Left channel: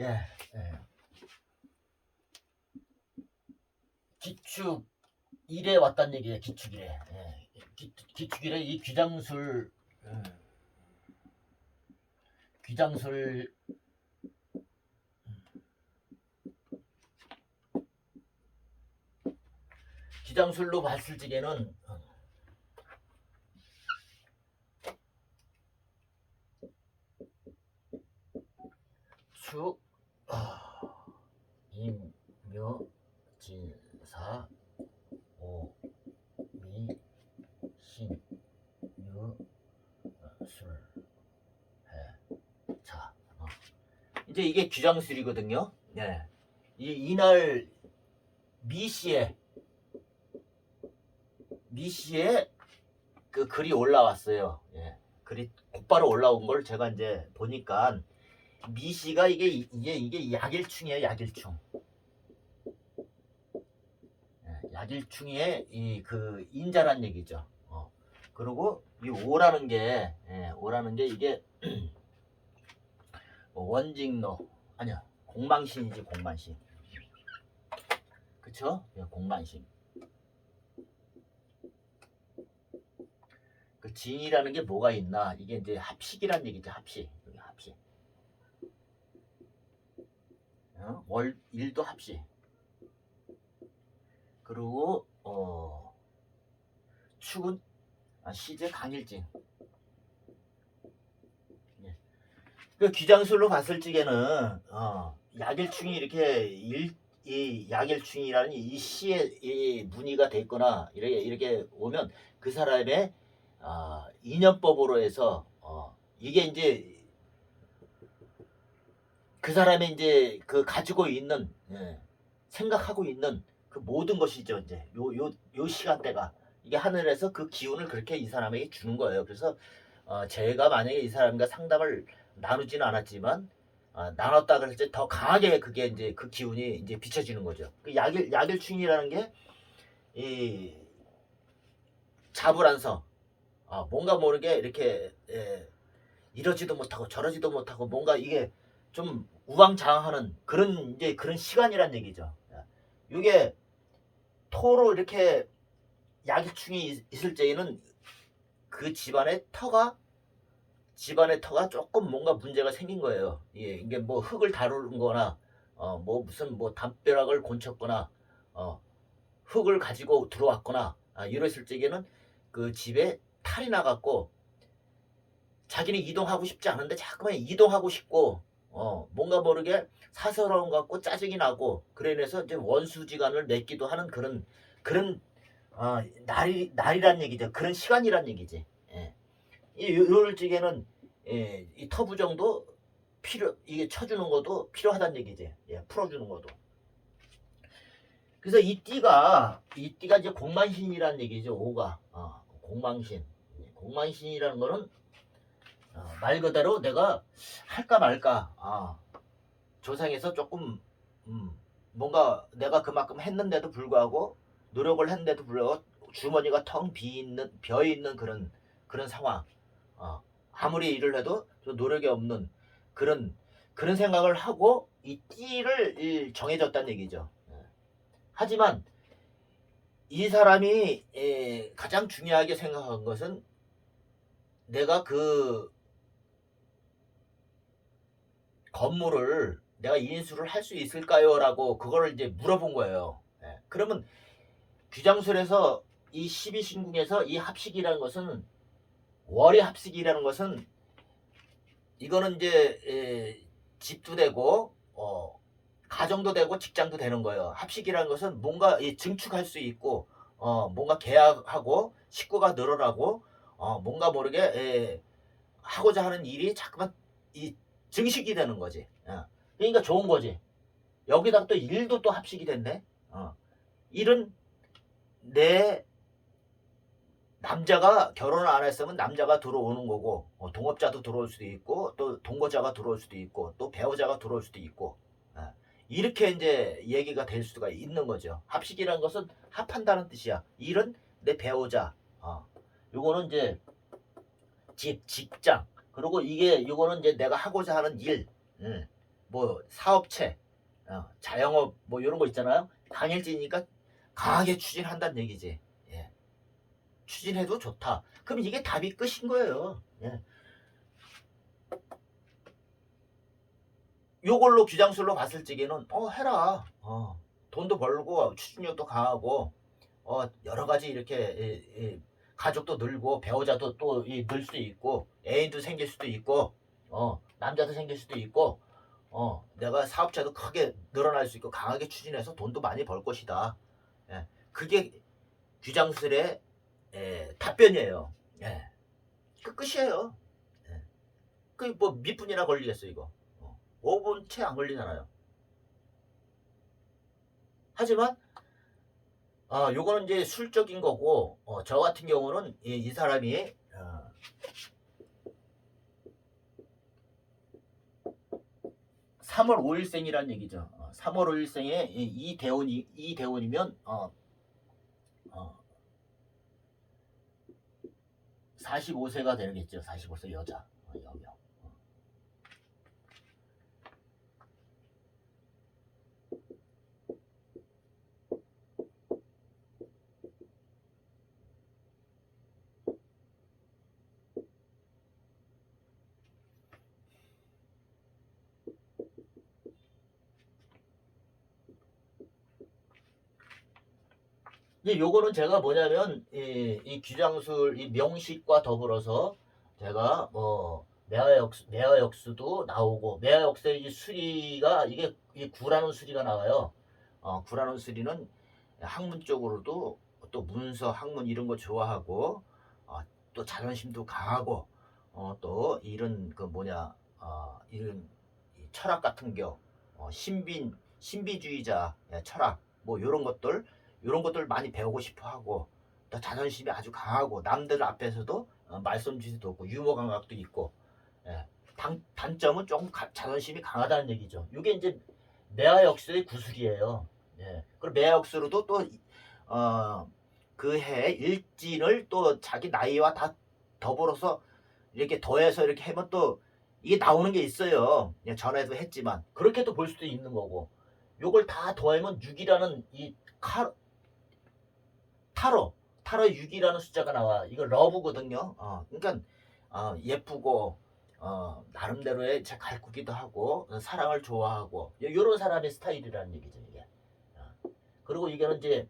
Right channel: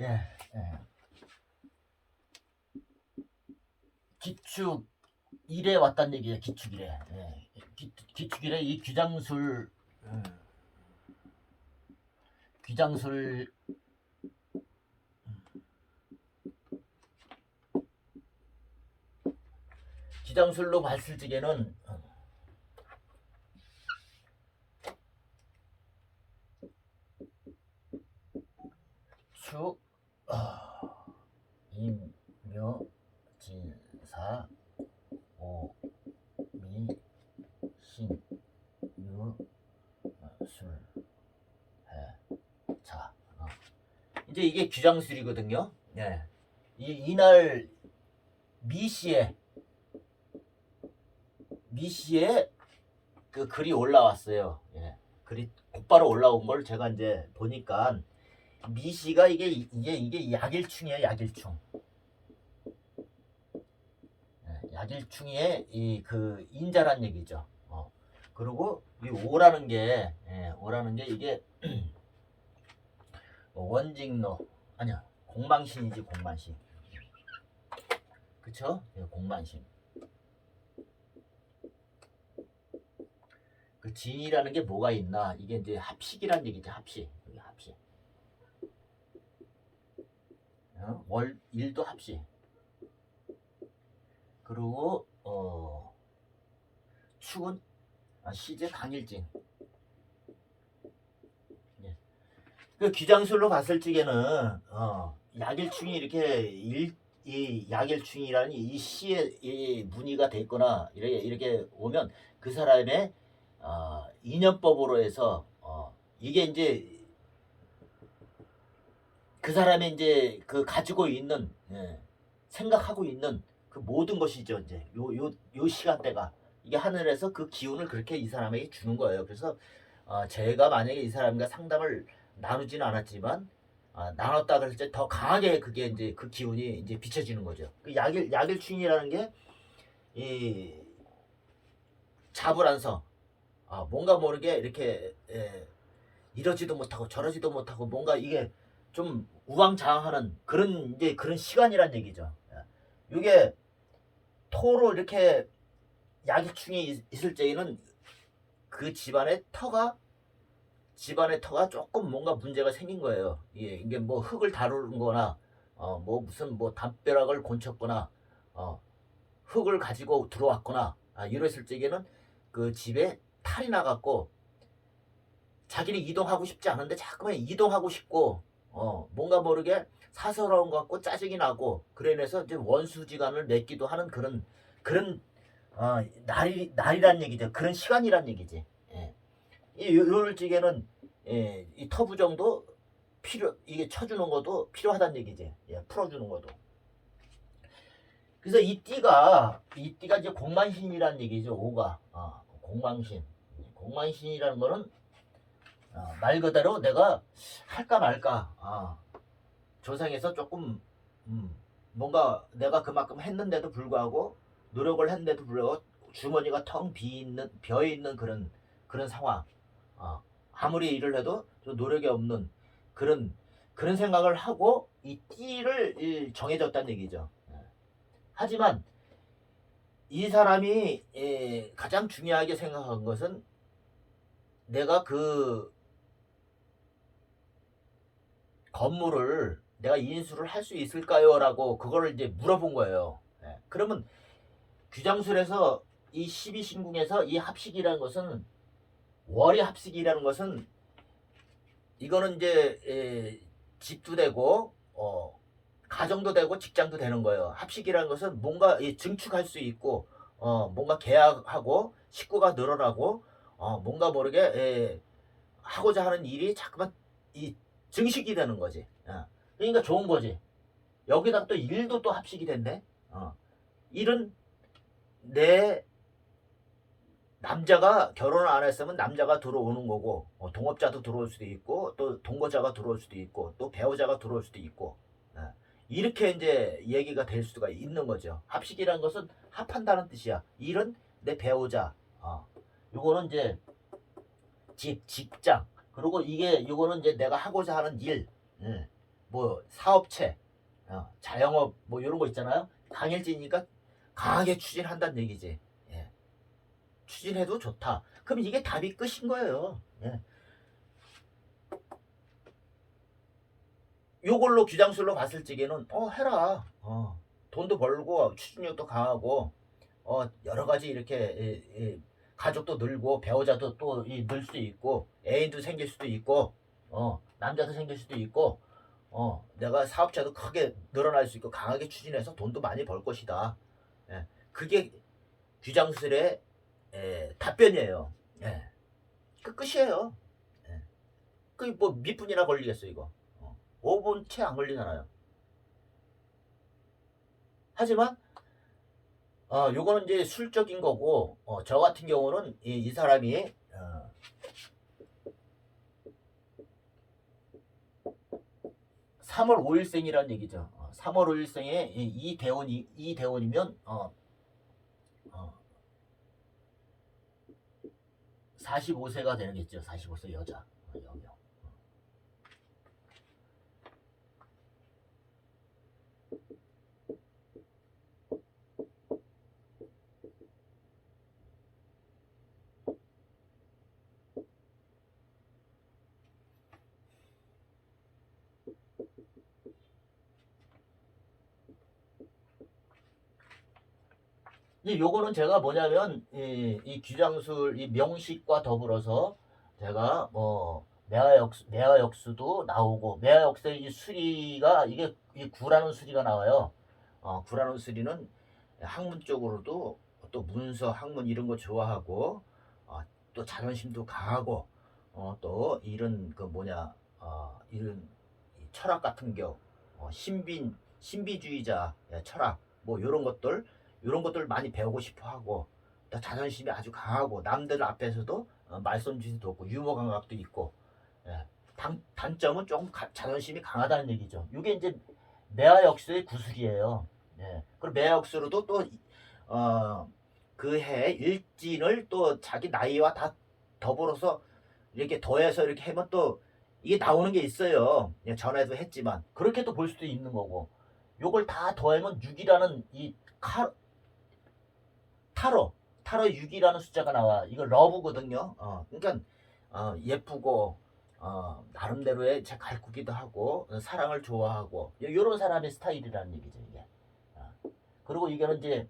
예, 예. 기축 일에 왔단 얘기예요. 기축 일에. 예. 기, 기축 일에 이 귀장술 음, 귀장술 귀장술로 봤을 적에는 어, 축 아, 임묘 진사 오미 신 유, 어, 술, 해, 자. 어. 이제 이게 규장술이거든요. 네. 이, 이날 미시에 미시에 그 글이 올라왔어요. 예. 글이 곧바로 올라온 걸 제가 이제 보니까 미시가 이게 이게 이게 약일충이에요. 약일충. 예, 약일충의 이 그 인자란 얘기죠. 어. 그리고 이 오라는 게 예, 오라는 게 이게 원직노 아니야 공망신이지 공만신. 그쵸? 예, 공만신. 그 진이라는 게 뭐가 있나? 이게 이제 합식이란 얘기죠. 합식. 어? 월 일도 합식. 그리고 어 축은 아, 시제 강일진. 예. 그 귀장술로 봤을 적에는 어, 약일충이 이렇게 일, 이 약일충이라는 이 시에 이 문의가 됐거나 이렇게 이렇게 오면 그 사람의 어, 인연법으로 해서 어, 이게 이제 그 사람의 이제 그 가지고 있는 예, 생각하고 있는 그 모든 것이죠 이제 요 요 요 시간대가 이게 하늘에서 그 기운을 그렇게 이 사람에게 주는 거예요. 그래서 어, 제가 만약에 이 사람과 상담을 나누지는 않았지만 어, 나눴다 그럴 때 더 강하게 그게 이제 그 기운이 이제 비춰지는 거죠. 그 약일 약일충이라는 게 이 자불안성 아, 뭔가 모르게 이렇게 예, 이러지도 못하고 저러지도 못하고 뭔가 이게 좀 우왕좌왕하는 그런 이제 그런 시간이란 얘기죠. 예. 이게 토로 이렇게 약일충이 있- 있을 때에는 그 집안의 터가 집안의 터가 조금 뭔가 문제가 생긴 거예요. 예, 이게 뭐 흙을 다루는거나 어, 뭐 무슨 뭐 담벼락을 곤쳤거나 어, 흙을 가지고 들어왔거나 아, 이랬을 적에는 그 집에 탈이 나갖고 자기는 이동하고 싶지 않은데 자꾸만 이동하고 싶고 어 뭔가 모르게 사서러운 것 같고 짜증이 나고 그래 인해서 이제 원수지간을 맺기도 하는 그런 그런 어 날이 날이란 얘기죠. 그런 시간이란 얘기지. 예. 이 적에는 예, 이 터부 정도 필요 이게 쳐주는 것도 필요하다는 얘기지. 예, 풀어주는 것도. 그래서 이 띠가 이 띠가 이제 공만신이라는 얘기죠 오가. 어, 공망신. 공만신이라는 거는 어, 말 그대로 내가 할까 말까 아, 조상에서 조금 음, 뭔가 내가 그만큼 했는데도 불구하고 노력을 했는데도 불구하고 주머니가 텅 비있는 비어 있는 그런 그런 상황 어, 아무리 일을 해도 좀 노력이 없는 그런 그런 생각을 하고 이 띠를 이 정해졌다는 얘기죠. 예. 하지만 이 사람이 에, 가장 중요하게 생각한 것은 내가 그 건물을 내가 인수를 할 수 있을까요? 라고 그거를 이제 물어본 거예요. 예. 그러면 규장술에서 이 12신궁에서 이 합식이라는 것은 월의 합식이라는 것은 이거는 이제 에, 집도 되고 어, 가정도 되고 직장도 되는 거예요. 합식이라는 것은 뭔가 이 증축할 수 있고 어, 뭔가 계약하고 식구가 늘어나고 어, 뭔가 모르게 에, 하고자 하는 일이 자꾸만 이 증식이 되는 거지. 어. 그러니까 좋은 거지. 여기다 또 일도 또 합식이 됐네. 어. 일은 내 남자가 결혼을 안 했으면 남자가 들어오는 거고 어, 동업자도 들어올 수도 있고 또 동거자가 들어올 수도 있고 또 배우자가 들어올 수도 있고 어. 이렇게 이제 얘기가 될 수가 있는 거죠. 합식이라는 것은 합한다는 뜻이야. 일은 내 배우자. 어. 요거는 이제 집, 직장. 그리고 이게 요거는 이제 내가 하고자 하는 일. 음. 뭐 사업체, 어, 자영업 뭐 이런 거 있잖아요. 강일진이니까 강하게 추진한다는 얘기지. 예. 추진해도 좋다. 그럼 이게 답이 끝인 거예요. 예. 요걸로 규장술로 봤을 적에는 어 해라. 어, 돈도 벌고 추진력도 강하고 어 여러 가지 이렇게 예, 예, 가족도 늘고 배우자도 또 이, 늘 수도 있고 애인도 생길 수도 있고 어 남자도 생길 수도 있고 어 내가 사업자도 크게 늘어날 수 있고 강하게 추진해서 돈도 많이 벌 것이다. 예, 그게 규장술의 예, 답변이에요. 예. 그 끝이에요. 예. 그뭐 몇 분이나 걸리겠어 이거. 어. 5분 채 안 걸리잖아요. 하지만 어, 요거는 이제 술적인 거고 어, 저 같은 경우는 이, 이 사람이 어, 삼월 5일생이란 얘기죠. 어, 3월 5일생에 이, 이 대원이 이 대원이면 어, 어, 45세가 되겠죠. 45세 여자 어, 여명. 이제 요거는 제가 뭐냐면 이, 이 규장술 이 명식과 더불어서 제가 뭐 매화역수 매화역수도 나오고 매화역수의 이 수리가 이게 이 구라는 수리가 나와요. 어, 구라는 수리는 학문 쪽으로도 또 문서 학문 이런 거 좋아하고 어, 또 자존심도 강하고 어, 또 이런 그 뭐냐 어, 이런 이 철학 같은 겨 어, 신빈 신비주의자 예, 철학 뭐 이런 것들 이런 것들을 많이 배우고 싶어 하고 또 자존심이 아주 강하고 남들 앞에서도 어, 말솜짓도 없고 유머 감각도 있고 예. 단, 단점은 조금 가- 자존심이 강하다는 얘기죠. 이게 이제 매화역수의 구술이에요. 예. 그리고 매화역수로도 또 어, 그해 일진을 또 자기 나이와 다 더불어서 이렇게 더해서 이렇게 하면 또 이게 나오는 게 있어요. 예, 전에도 했지만 그렇게도 볼 수도 있는 거고 요걸 다 더하면 6이라는 이 칼, 타로 타로 6이라는 숫자가 나와. 이거 러브거든요. 어, 그러니까 어, 예쁘고 어, 나름대로의 제 가꾸기도 하고 어, 사랑을 좋아하고 이런 사람의 스타일이라는 얘기죠 이게. 어. 그리고 이거는 이제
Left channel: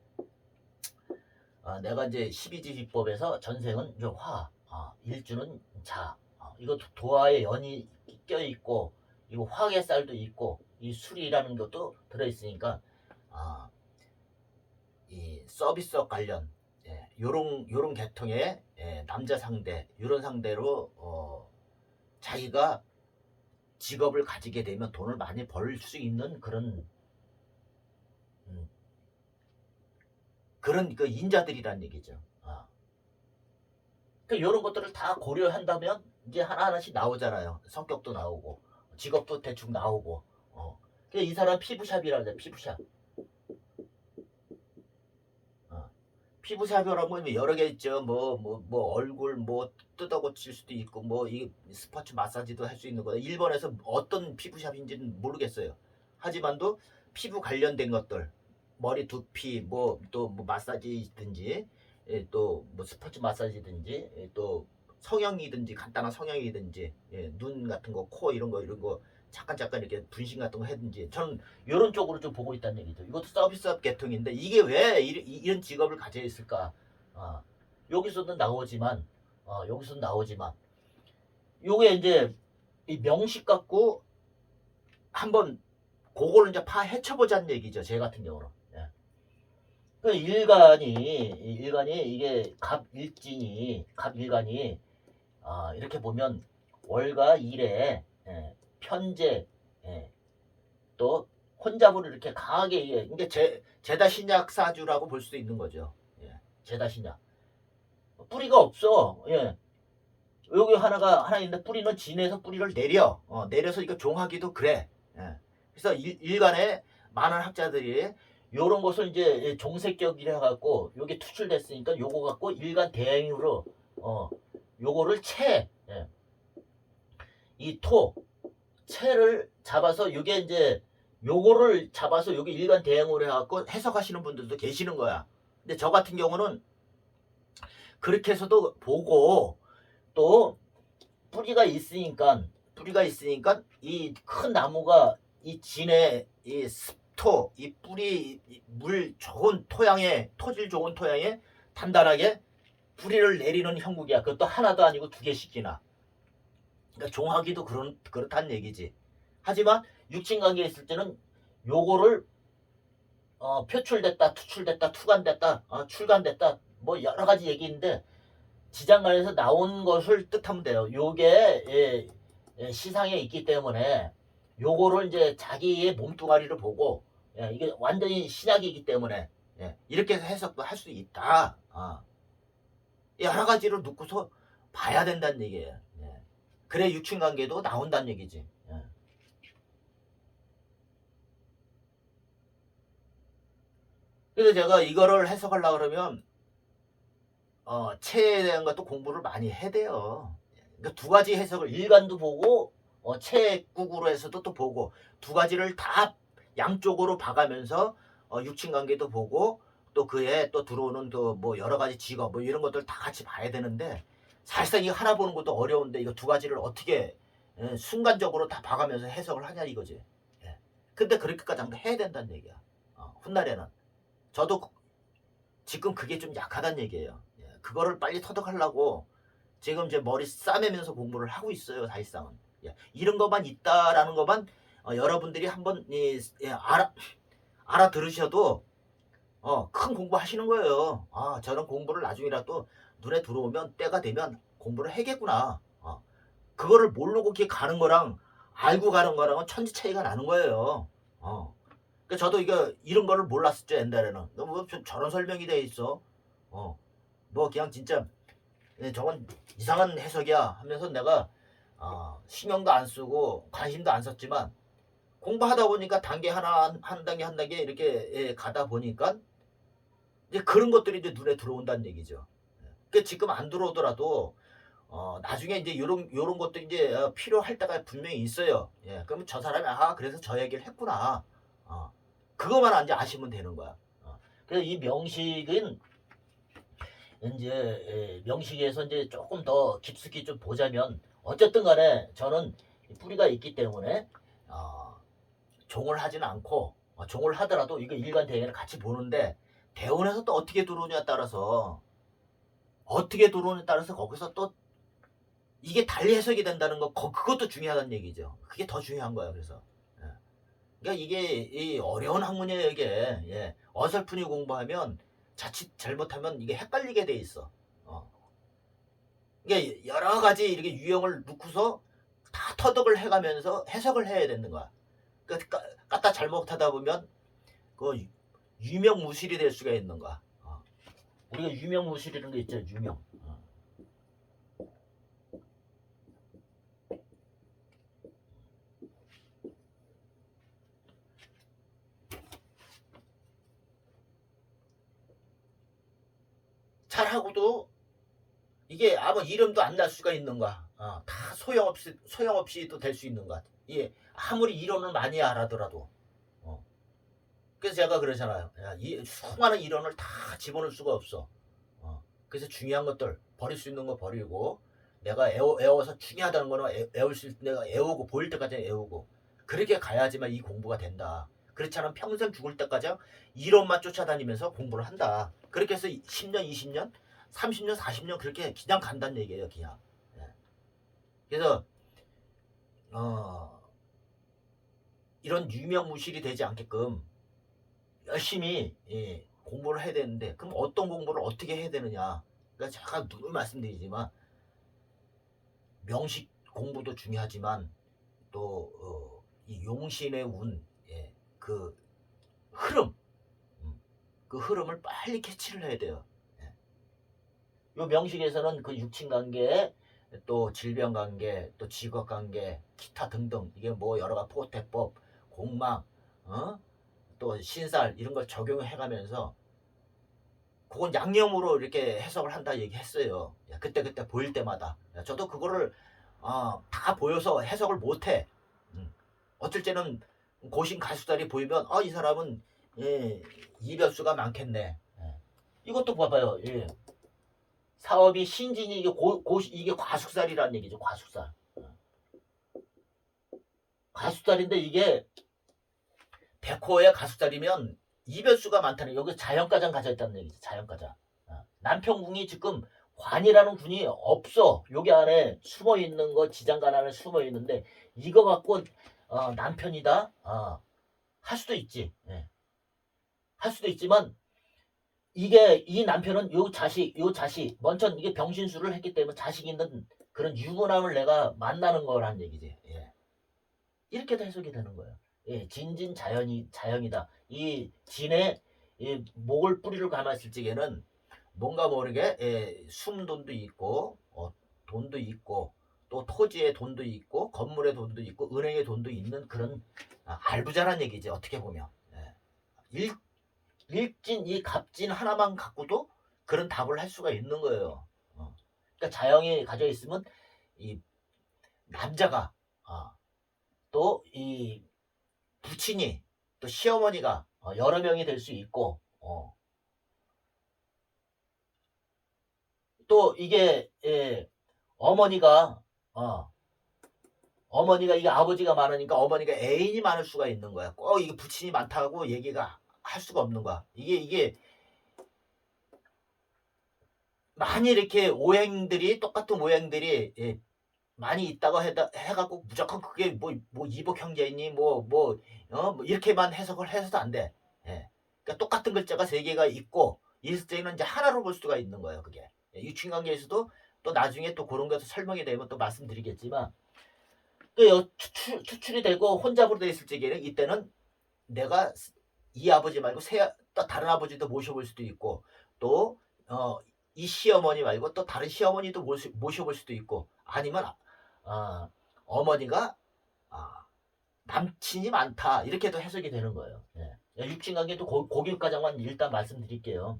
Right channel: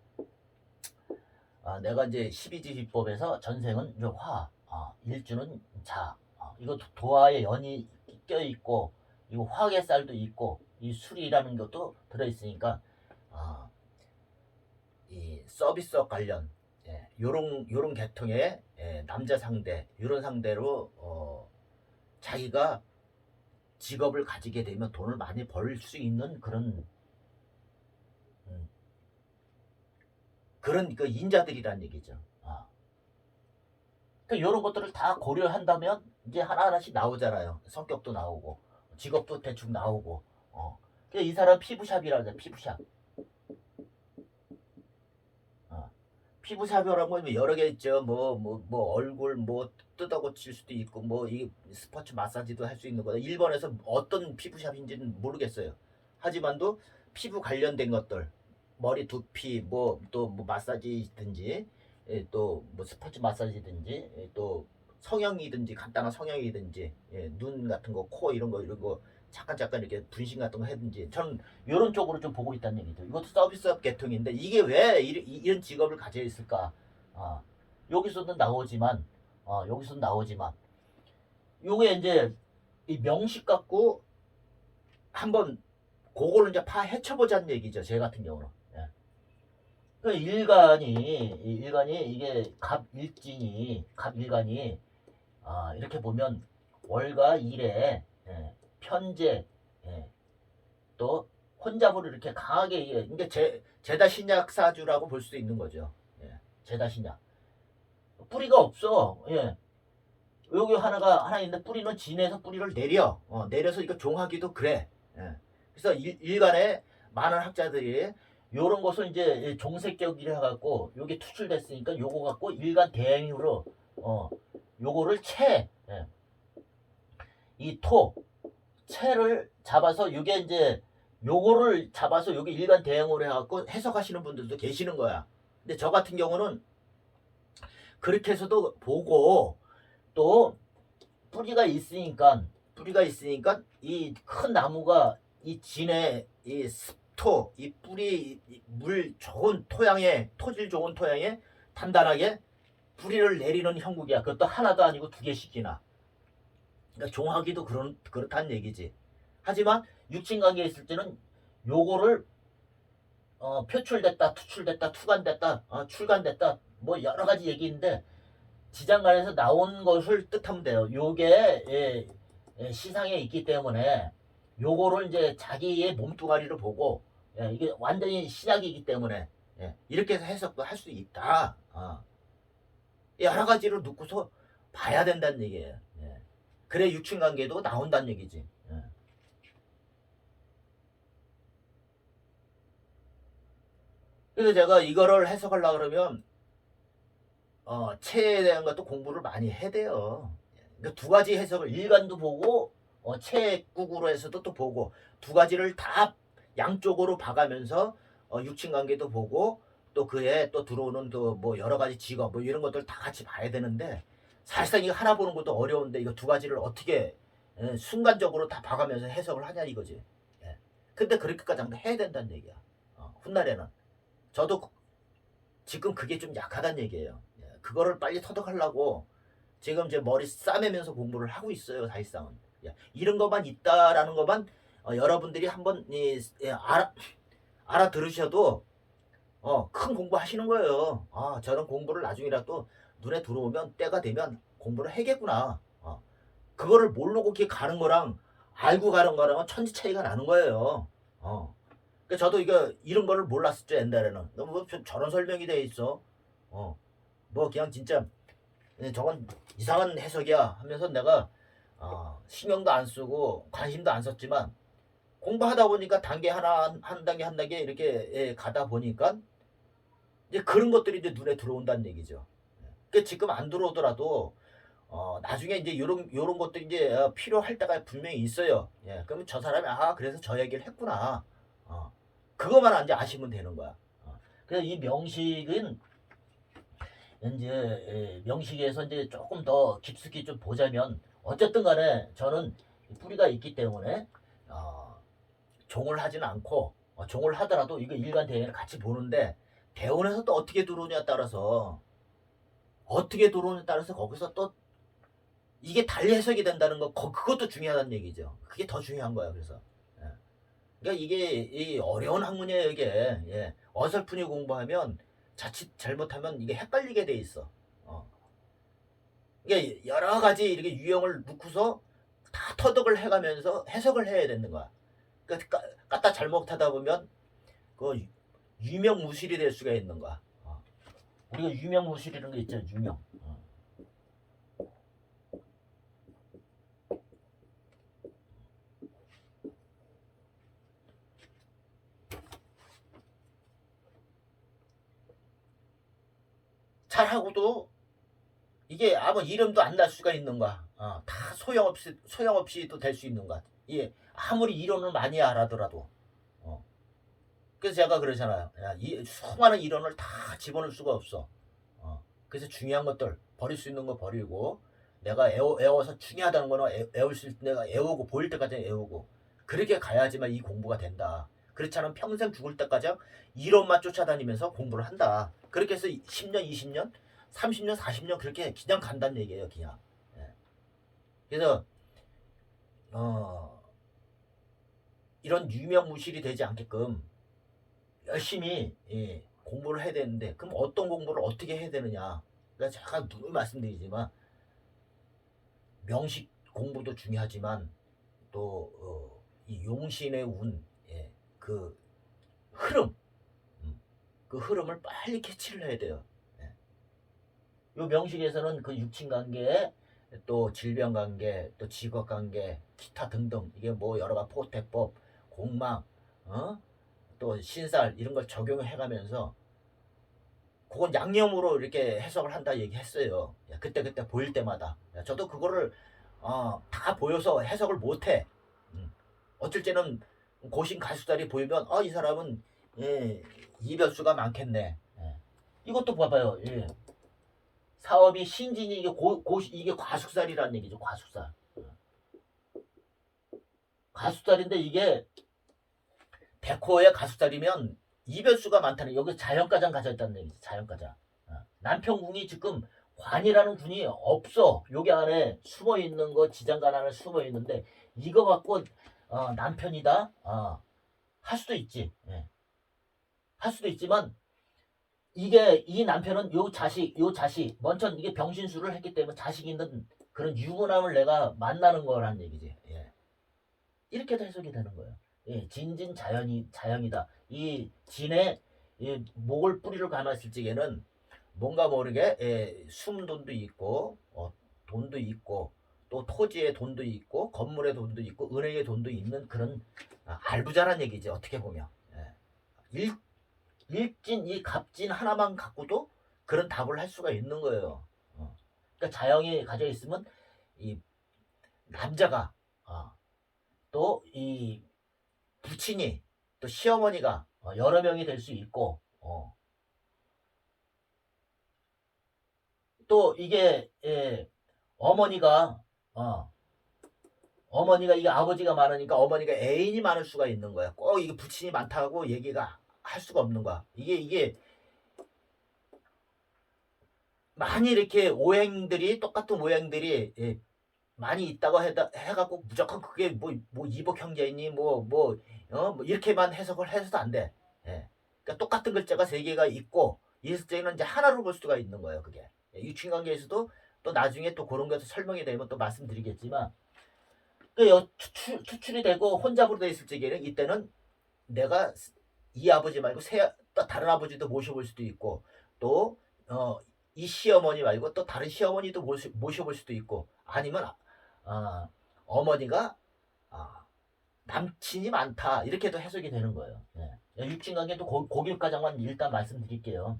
어, 내가 이제 12지 기법에서 전생은 화, 어, 일주는 자. 어, 이거 도- 도화에 연이 껴 있고 이거 화의 쌀도 있고 이 술이라는 것도 들어 있으니까 아, 이 서비스업 관련 예, 요런 요런 계통의 예, 남자 상대 요런 상대로 어, 자기가 직업을 가지게 되면 돈을 많이 벌 수 있는 그런 음, 그런 그 인자들이란 얘기죠. 아. 그러니까 이런 것들을 다 고려한다면 이제 하나 하나씩 나오잖아요. 성격도 나오고 직업도 대충 나오고. 어. 그러니까 이 사람 피부샵이라 그래 피부샵. 피부 샵이라는 건 여러 개 있죠. 뭐, 뭐, 뭐, 얼굴 뭐 뜯어 고칠 수도 있고, 뭐, 이 스포츠 마사지도 할 수 있는 거다. 일본에서 어떤 피부 샵인지는 모르겠어요. 하지만도 피부 관련된 것들, 머리 두피, 뭐, 또 뭐 마사지든지, 예, 또 뭐 스포츠 마사지든지, 예, 또 성형이든지, 간단한 성형이든지, 예, 눈 같은 거, 코 이런 거, 이런 거, 잠깐 잠깐 이렇게 분신 같은 거 하든지, 저는 이런 쪽으로 좀 보고 있다는 얘기죠. 이것도 서비스업 계통인데 이게 왜 이, 런 직업을 가져 있을까? 아, 여기서도 나오지만, 어, 여기서도 나오지만, 요게 이제 이 명식 갖고 한번 그거를 이제 파헤쳐보자는 얘기죠. 제 같은 경우는. 예. 그 일간이 이 일간이 이게 갑 일진이 갑 일간이 아, 이렇게 보면 월과 일에 예, 편제 예, 또 혼잡으로 이렇게 강하게 예, 이게 제 제다 신약 사주라고 볼 수도 있는 거죠. 예, 제다 신약 뿌리가 없어. 예. 여기 하나가 하나 있는데 뿌리는 진에서 뿌리를 내려 어, 내려서 이거 종하기도 그래. 예. 그래서 일, 일간에 많은 학자들이 요런 것을 이제 종색격이라 갖고 요게 투출됐으니까 요거 갖고 일간 대행으로 어 요거를 채. 예. 채를 잡아서 이게 이제 요거를 잡아서 여기 일반 대응으로 해갖고 해석하시는 분들도 계시는 거야. 근데 저 같은 경우는 그렇게 해서도 보고 또 뿌리가 있으니까 뿌리가 있으니까 이 큰 나무가 이 진에 이 습토 이 뿌리 이 물 좋은 토양에 토질 좋은 토양에 단단하게 뿌리를 내리는 형국이야. 그것도 하나도 아니고 두 개씩이나. 그러니까 종하기도 그런 그렇다는 얘기지. 하지만 육진 관계에 있을 때는 요거를 어, 표출됐다, 투출됐다, 투간됐다, 어, 출간됐다, 뭐 여러 가지 얘기인데 지장간에서 나온 것을 뜻하면 돼요. 요게 예, 예, 시상에 있기 때문에 요거를 이제 자기의 몸뚱아리를 보고 예, 이게 완전히 신약이기 때문에 예, 이렇게 해서 해석도 할 수 있다. 어. 여러 가지로 놓고서 봐야 된다는 얘기예요. 예. 그래 육친 관계도 나온다는 얘기지. 예. 그래서 제가 이거를 해석하려고 그러면 어, 체에 대한 것도 공부를 많이 해야 돼요. 그러니까 두 가지 해석을 일간도 보고 어, 체국으로 해서도 또 보고 두 가지를 다 양쪽으로 봐가면서 어, 육친 관계도 보고 또 그에 또 들어오는 또 뭐 여러 가지 직업 뭐 이런 것들 다 같이 봐야 되는데 사실상 이거 하나 보는 것도 어려운데 이거 두 가지를 어떻게 예, 순간적으로 다 봐가면서 해석을 하냐 이거지. 예. 근데 그렇게까지 한번 해야 된다는 얘기야. 어, 훗날에는 저도 그- 지금 그게 좀 약하다는 얘기예요. 예. 그거를 빨리 터득하려고 지금 제 머리 싸매면서 공부를 하고 있어요. 사실상은 예. 이런 것만 있다라는 것만 어, 여러분들이 한번 이, 예, 알아 알아 들으셔도 어, 큰 공부 하시는 거예요. 아, 저런 공부를 나중이라도 눈에 들어오면 때가 되면 공부를 해겠구나. 어. 그거를 모르고 이렇게 가는 거랑 알고 가는 거랑은 천지 차이가 나는 거예요. 어. 그 저도 이거 이런 거를 몰랐었죠 옛날에는. 뭐 저- 저런 설명이 돼 있어. 어. 뭐 그냥 진짜 예, 저건 이상한 해석이야 하면서 내가 어, 신경도 안 쓰고 관심도 안 썼지만 공부하다 보니까 단계 하나 한, 한 단계 한 단계 이렇게 예, 가다 보니까 이제 그런 것들이 이제 눈에 들어온다는 얘기죠. 그 지금 안 들어오더라도 어, 나중에 이제 요런 요런 것들이 이제 어, 필요할 때가 분명히 있어요. 예, 그러면 저 사람이 아 그래서 저 얘기를 했구나. 어, 그것만 이제 아시면 되는 거야. 어. 그래서 이 명식은 이제 예, 명식에서 이제 조금 더 깊숙이 좀 보자면 어쨌든 간에 저는 뿌리가 있기 때문에 어, 종을 하진 않고 어, 종을 하더라도 이거 일간 대회를 같이 보는데 대원에서 또 어떻게 들어오냐에 따라서 어떻게 들어오냐에 따라서 거기서 또 이게 달리 해석이 된다는 거 거- 그것도 중요하다는 얘기죠. 그게 더 중요한 거예요. 그래서 예. 그러니까 이게 이 어려운 학문이에요. 이게 예. 어설프게 공부하면 자칫 잘못하면 이게 헷갈리게 돼 있어. 어. 이게 여러 가지 이렇게 유형을 놓고서 다 터득을 해가면서 해석을 해야 되는 거야. 그러니까 까- 갖다 잘못하다 보면 그 유- 유명무실이 될 수가 있는 거야. 어. 우리가 유명무실이라는 게 있죠. 유명. 어. 잘하고도 이게 아무 이름도 안 날 수가 있는 거야. 어, 다 소용없이 소용없이도 될수 있는 거야. 예, 아무리 이론을 많이 알아더라도. 어. 그래서 제가 그러잖아요. 야, 이 수많은 이론을 다 집어넣을 수가 없어. 어. 그래서 중요한 것들 버릴 수 있는 거 버리고 내가 애워, 애워서 중요하다는 거는 애, 애울 수 있을 때 내가 애우고 보일 때까지 애우고 그렇게 가야지만 이 공부가 된다. 그렇지 않으면 평생 죽을 때까지 이론만 쫓아다니면서 공부를 한다. 그렇게 해서 10년, 20년, 30년, 40년 그렇게 그냥 간다는 얘기예요, 그냥. 예. 그래서 어, 이런 유명무실이 되지 않게끔 열심히 예, 공부를 해야 되는데 그럼 어떤 공부를 어떻게 해야 되느냐? 그러니까 제가 늘 말씀드리지만 명식 공부도 중요하지만 또 어, 이 용신의 운, 예, 그 흐름, 음, 그 흐름을 빨리 캐치를 해야 돼요. 예. 요 명식에서는 그 육친 관계, 또 질병 관계, 또 직업 관계, 기타 등등 이게 뭐 여러 가지 포태법, 공망, 어? 또 신살 이런 걸 적용해 가면서 그건 양념으로 이렇게 해석을 한다 얘기했어요. 예, 그때 그때 보일 때마다 예, 저도 그거를 어, 다 보여서 해석을 못해. 음. 어쩔 때는 고신 가수달이 보이면 아이 사람은 예, 이별수가 많겠네. 예. 이것도 봐봐요. 예. 사업이 신진이 이게 고, 고 이게 과숙살이라는 얘기죠. 과숙살. 예. 가수살인데 이게 백호의 가수살이면 이별수가 많다는 여기 자연가장 가져 있다는 얘기죠. 자연가장. 어. 남편궁이 지금 관이라는 군이 없어. 여기 안에 숨어 있는 거 지장간 안에 숨어 있는데 이거 갖고 어, 남편이다. 어, 할 수도 있지. 예. 할 수도 있지만 이게 이 남편은 요 자식 요 자식 먼저 이게 병신수를 했기 때문에 자식 있는 그런 유부남을 내가 만나는 거라는 얘기지. 예. 이렇게도 해석이 되는 거예요. 예, 진진 자연이 자연이다. 이 진의 이 목을 뿌리를 감았을 적에는 뭔가 모르게 예, 숨돈도 있고 어, 돈도 있고 또 토지에 돈도 있고 건물에 돈도 있고 은행에 돈도 있는 그런 아, 알부자란 얘기지 어떻게 보면 예. 일, 일진 이 갑진 하나만 갖고도 그런 답을 할 수가 있는 거예요. 어. 그러니까 자영이 가져 있으면 이 남자가 어, 또이 부친이 또 시어머니가 어, 여러 명이 될 수 있고 어. 또 이게 예, 어머니가 어, 어머니가 이게 아버지가 많으니까 어머니가 애인이 많을 수가 있는 거야. 꼭 이게 부친이 많다고 얘기가 할 수가 없는 거야. 이게 이게 많이 이렇게 오행들이 똑같은 오행들이 예, 많이 있다고 해다, 해갖고 무조건 그게 뭐, 뭐 이복 형제니 뭐, 뭐, 어, 뭐 이렇게만 해석을 해서도 안 돼. 예. 그러니까 똑같은 글자가 세 개가 있고 때는 이제 하나로 볼 수가 있는 거예요. 그게 예, 유친관계에서도 또 나중에 또 그런 것도 설명이 되면 또 말씀드리겠지만 그 여- 추출, 추출이 되고 혼잡으로 돼 있을 적에는 이때는 내가 이 아버지 말고 새, 또 다른 아버지도 모셔볼 수도 있고 또 어, 이 시어머니 말고 또 다른 시어머니도 모시, 모셔볼 수도 있고 아니면 어, 어머니가 아, 남친이 많다 이렇게도 해석이 되는 거예요. 예. 육친관계 또 고- 고길가장만 일단 말씀드릴게요.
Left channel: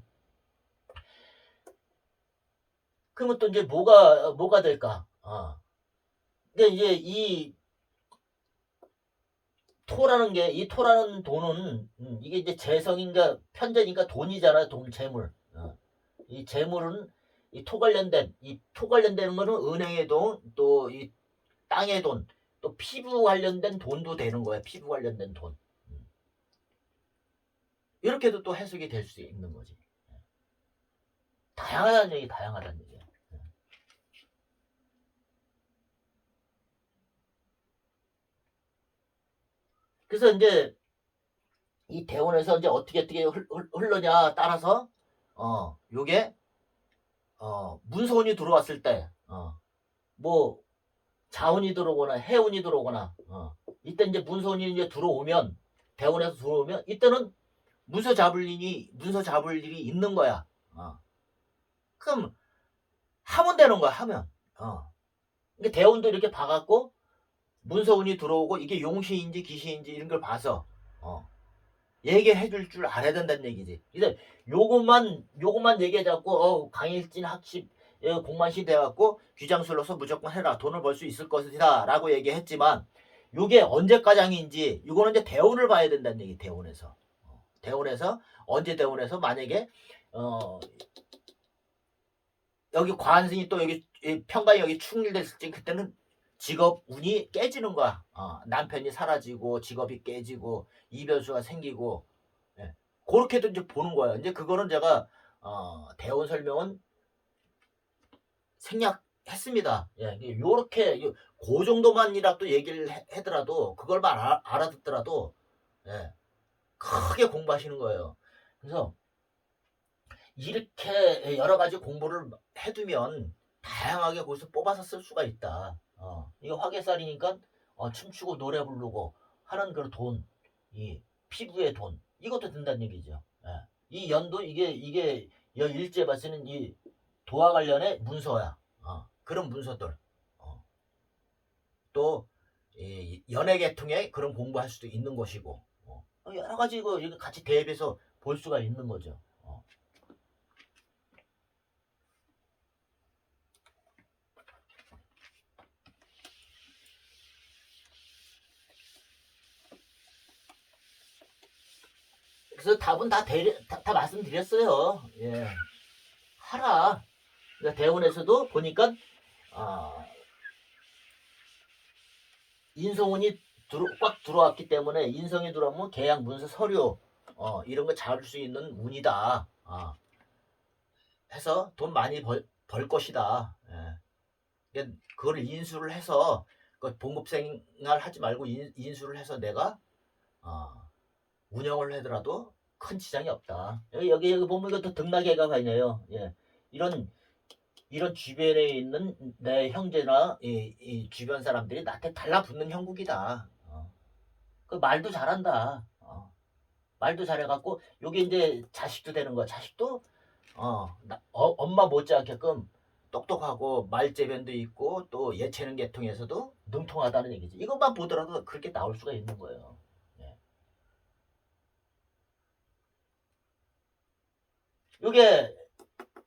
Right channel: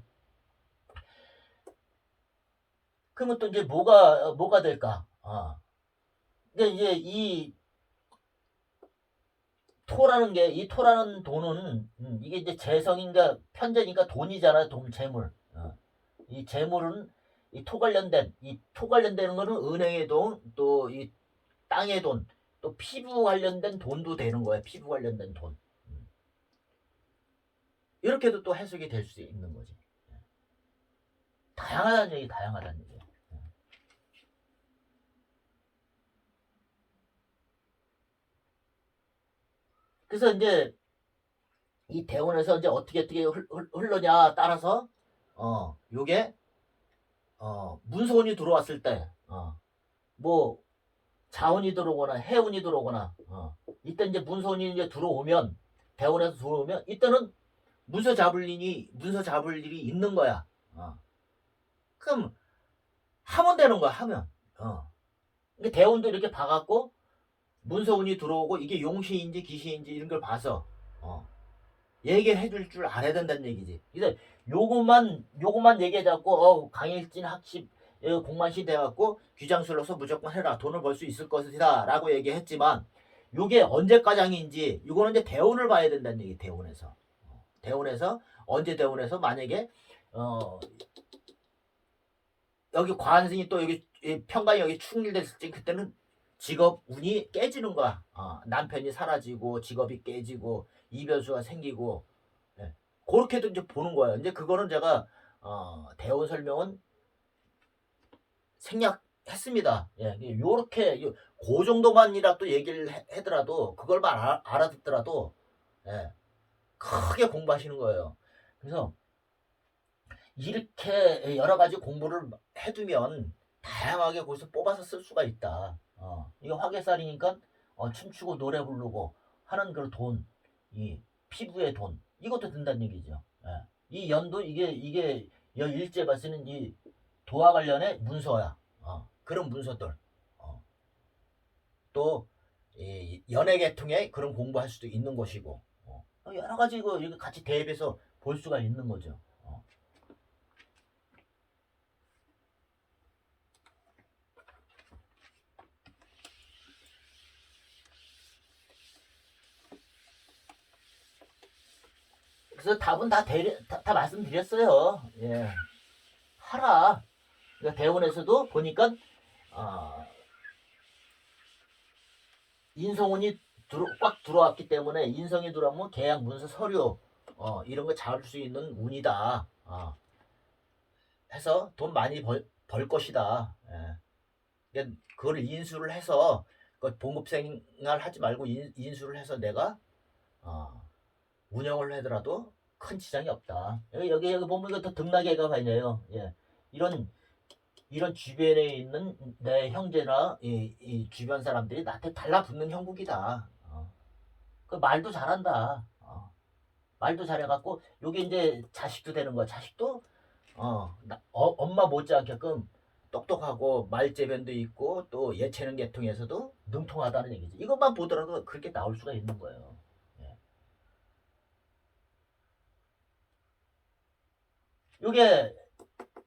그러면 또 이제 뭐가 뭐가 될까? 어. 이제 이 토라는 게 이 토라는 돈은 음, 이게 이제 재성인가 편재니까 돈이잖아요. 돈 재물. 어. 이 재물은 이 토 관련된 이 토 관련되는 거는 은행의 돈, 또 이 땅의 돈, 또 피부 관련된 돈도 되는 거예요. 피부 관련된 돈. 음. 이렇게도 또 해석이 될 수 있는 거지. 예. 다양하다는 얘기, 다양하다는 얘기야. 예. 그래서 이제 이 대원에서 이제 어떻게 어떻게 흘러냐 따라서 어 요게 어 문서운이 들어왔을 때 어 뭐 자운이 들어오거나 해운이 들어오거나 어 이때 이제 문서운이 이제 들어오면 대원에서 들어오면 이때는 문서 잡을 일이 문서 잡을 일이 있는 거야. 어. 그럼 하면 되는 거야 하면. 어. 대원도 이렇게 봐갖고 문서운이 들어오고 이게 용시인지 기시인지 이런 걸 봐서 어 얘기해 줄 줄 알아야 된다는 얘기지. 이제 요것만 요것만 얘기해 갖고 어 강일진 학습 예, 공만시 돼 갖고 귀장술로서 무조건 해라. 돈을 벌 수 있을 것이다라고 얘기했지만 요게 언제까장인지 이거는 이제 대운을 봐야 된다는 얘기 대운에서. 어, 대운에서 언제 대운에서 만약에 어 여기 관승이 또 여기 이 평관이 여기 충일됐을 때 그때는 직업 운이 깨지는 거야. 어, 남편이 사라지고 직업이 깨지고 이별수가 생기고 예. 그렇게도 이제 보는 거예요. 이제 그거는 제가 어, 대원 설명은 생략했습니다. 예, 요렇게 요- 그 정도만이라 도 얘기를 해- 하더라도 그걸만 알아, 알아듣더라도 예, 크게 공부하시는 거예요. 그래서 이렇게 여러 가지 공부를 해두면 다양하게 거기서 뽑아서 쓸 수가 있다. 어, 이거 화개살이니까 어, 춤추고 노래 부르고 하는 그 돈, 이 피부의 돈 이것도 든다는 얘기죠. 예. 이 연도 이게 이게 여 일제 발세는 이 도와 관련의 문서야. 어, 그런 문서들. 어. 또 이, 연예 계통에 그런 공부할 수도 있는 것이고 어. 여러 가지 이거 같이 대입해서 볼 수가 있는 거죠. 어. 그래서 답은 다, 대리, 다, 다 말씀드렸어요. 예. 하라. 그러니까 대원에서도 보니까 아, 인성운이 들어, 꽉 들어왔기 때문에 인성이 들어오면 계약 문서 서류 어, 이런 거 잡을 수 있는 운이다. 아. 해서 돈 많이 벌, 벌 것이다. 예. 그러니까 그걸 인수를 해서 그 봉급 생활 하지 말고 인, 인수를 해서 내가 어, 운영을 하더라도 큰 지장이 없다. 여기 여기, 보면 이것도 등락해가 아니에요. 예. 이런 이런 주변에 있는 내 형제나 이, 이 주변 사람들이 나한테 달라붙는 형국이다. 어. 그 말도 잘한다. 어. 말도 잘해갖고 요게 이제 자식도 되는 거야. 자식도 어, 나- 어, 엄마 못지않게끔 똑똑하고 말재변도 있고 또 예체능 계통에서도 능통하다는 얘기지. 이것만 보더라도 그렇게 나올 수가 있는 거예요. 예. 요게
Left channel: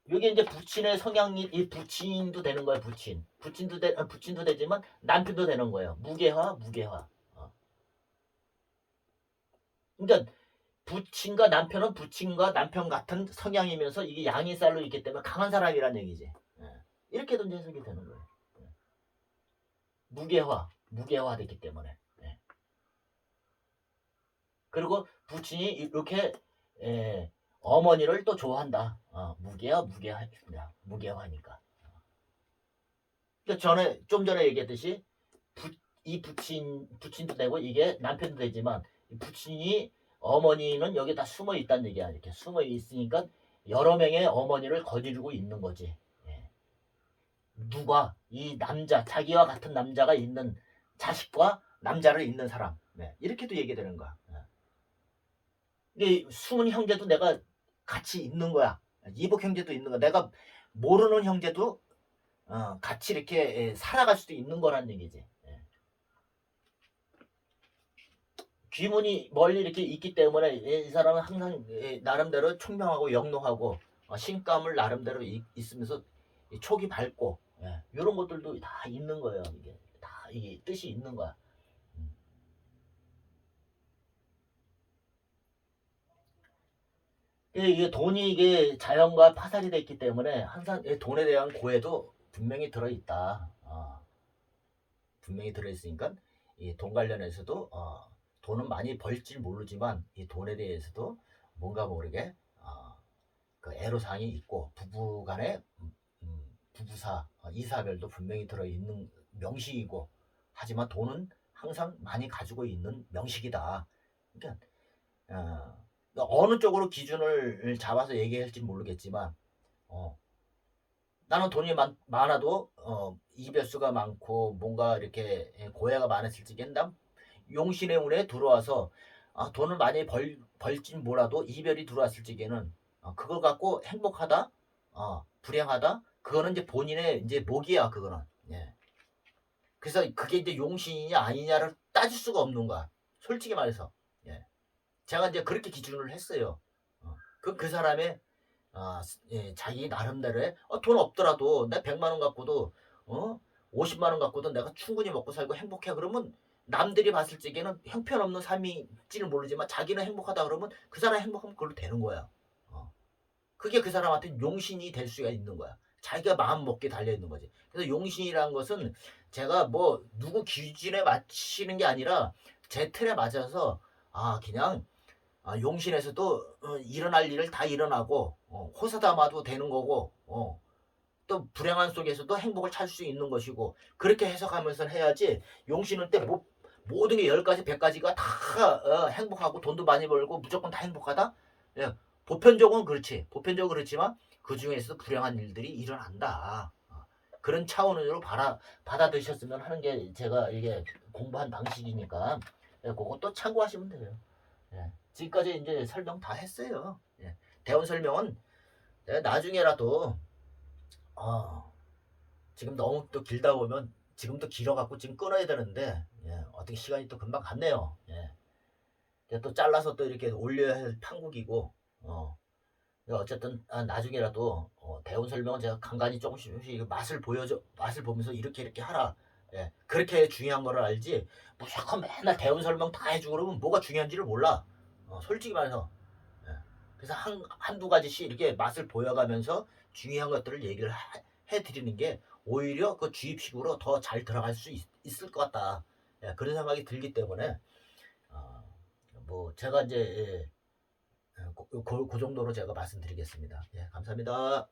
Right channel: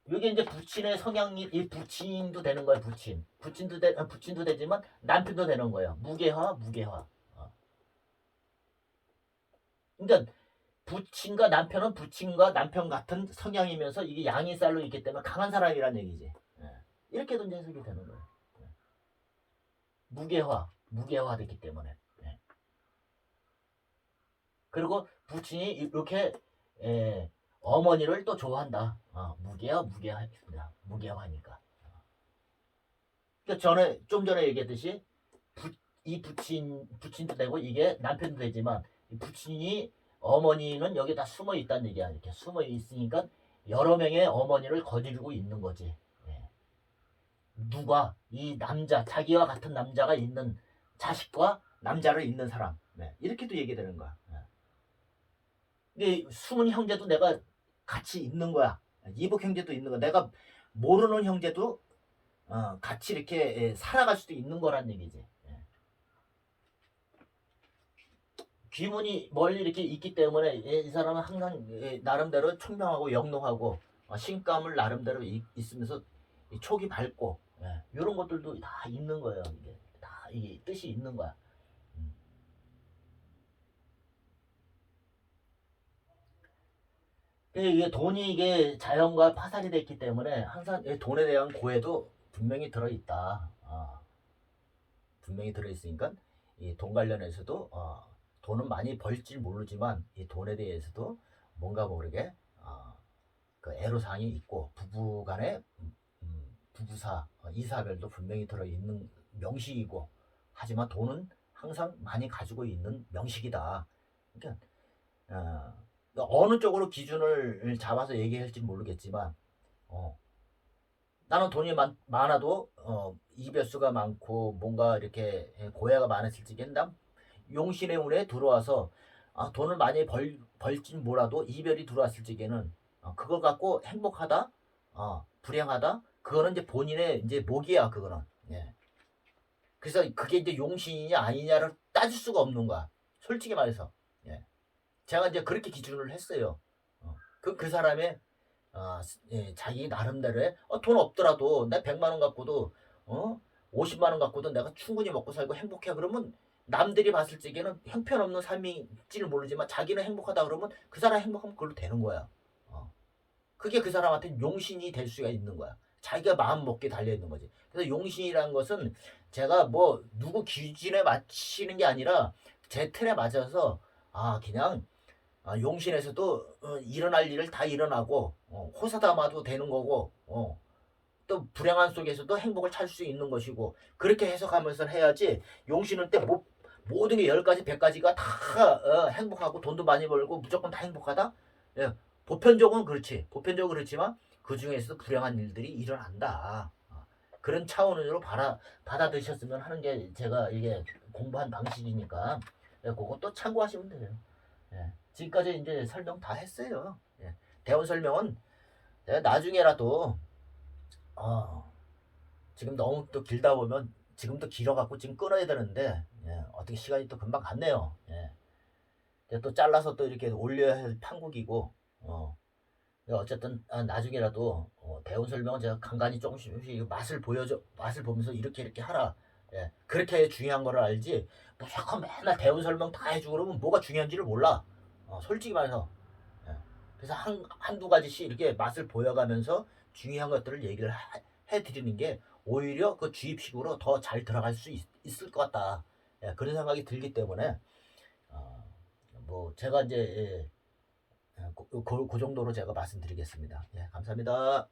요게 이제 부친의 성향이 이 부친도 되는 거예요. 부친. 부친도 되 어, 부친도 되지만 남편도 되는 거예요. 무게화, 무게화. 어. 그러니까 부친과 남편은 부친과 남편 같은 성향이면서 이게 양이살로 있기 때문에 강한 사람이란 얘기지. 예. 이제 해석이 되는 거예요. 예. 무게화, 무게화 됐기 때문에. 예. 그리고 부친이 이렇게 예, 어머니를 또 좋아한다. 어, 무게화, 무게화입니다. 무게화니까. 그러니까 전에 좀 전에 얘기했듯이 부, 이 부친 부친도 되고 이게 남편도 되지만 이 부친이 어머니는 여기 다 숨어 있다는 얘기야. 이렇게 숨어 있으니까 여러 명의 어머니를 거느리고 있는 거지. 예. 누가 이 남자 자기와 같은 남자가 있는 자식과 남자를 있는 사람 네. 이렇게도 얘기되는 거야. 숨은 형제도 내가 같이 있는 거야. 이복 형제도 있는 거야. 내가 모르는 형제도 어, 같이 이렇게 예, 살아갈 수도 있는 거란 얘기지. 예. 귀문이 멀리 이렇게 있기 때문에 이 사람은 항상 예, 나름대로 총명하고 영롱하고 어, 신감을 나름대로 이- 있으면서 이 촉이 밝고 이런 것들도 다 있는 거예요. 이게 다 이게 뜻이 있는 거야. 음. 이게 이게 돈이 이게 자연과 파살이 됐기 때문에 항상 이 돈에 대한 고해도 분명히 들어 있다. 아, 분명히 들어 있으니까 이 돈 관련해서도 어, 돈은 많이 벌지 모르지만 이 돈에 대해서도 뭔가 모르게 어, 그 애로사항이 있고 부부간의 음, 음, 부부사 어, 이사별도 분명히 들어 있는 명식이고 하지만 돈은 항상 많이 가지고 있는 명식이다. 그러니까 어, 어느 쪽으로 기준을 잡아서 얘기할지 모르겠지만 어, 나는 돈이 많, 많아도 어, 이별수가 많고 뭔가 이렇게 고해가 많았을 난 용신의 운에 들어와서 아, 돈을 많이 벌, 벌진 몰라도 이별이 들어왔을 적에는 어, 그걸 갖고 행복하다 어, 불행하다 그거는 이제 본인의 이제 목이야 그거는 예. 그래서 그게 이제 용신이냐 아니냐를 따질 수가 없는 거야 솔직히 말해서 예. 제가 이제 그렇게 기준을 했어요 어, 그, 그 사람의 아, 예, 자기 나름대로의 어, 돈 없더라도 나 100만 원 갖고도 어? 50만 원 갖고도 내가 충분히 먹고 살고 행복해 그러면 남들이 봤을 적에는 형편없는 삶일지는 모르지만 자기는 행복하다 그러면 그 사람 행복하면 그걸로 되는 거야. 어. 그게 그 사람한테 용신이 될 수가 있는 거야. 자기가 마음 먹게 달려 있는 거지. 그래서 용신이라는 것은 제가 뭐 누구 기준에 맞추는 게 아니라 제 틀에 맞아서 아 그냥 아, 용신에서도 어, 일어날 일을 다 일어나고 어, 호사다마도 되는 거고 어, 또 불행한 속에서도 행복을 찾을 수 있는 것이고 그렇게 해석하면서 해야지 용신을 때 뭐, 모든 게 열 가지 백 가지가 다 어, 행복하고 돈도 많이 벌고 무조건 다 행복하다? 예, 보편적으로는 그렇지. 보편적으로 그렇지만 그 중에서도 불행한 일들이 일어난다. 어, 그런 차원으로 받아, 받아들이셨으면 하는 게 제가 이게 공부한 방식이니까 예, 그것도 참고하시면 돼요. 예. 지금까지 이제 설명 다 했어요. 예. 대원 설명은 내가 나중에라도 어, 지금 너무 또 길다 보면 지금도 길어갖고 지금 끊어야 되는데 예. 어떻게 시간이 또 금방 갔네요. 예. 또 잘라서 또 이렇게 올려야 할 판국이고 어. 어쨌든 아, 나중에라도 어, 대원 설명은 제가 간간히 조금씩 조금씩 맛을 보여줘 맛을 보면서 이렇게 이렇게 하라. 예. 그렇게 중요한 거를 알지 무조건 맨날 대원 설명 다 해주고 그러면 뭐가 중요한지를 몰라. 어, 솔직히 말해서 그래서 한, 한두 가지씩 이렇게 맛을 보여가면서 중요한 것들을 얘기를 하- 해드리는 게 오히려 그 주입식으로 더 잘 들어갈 수 있, 을것 같다. 예, 그런 생각이 들기 때문에 어, 뭐 제가 이제 예, 예, 그, 그, 그 정도로 제가 말씀드리겠습니다. 예, 감사합니다.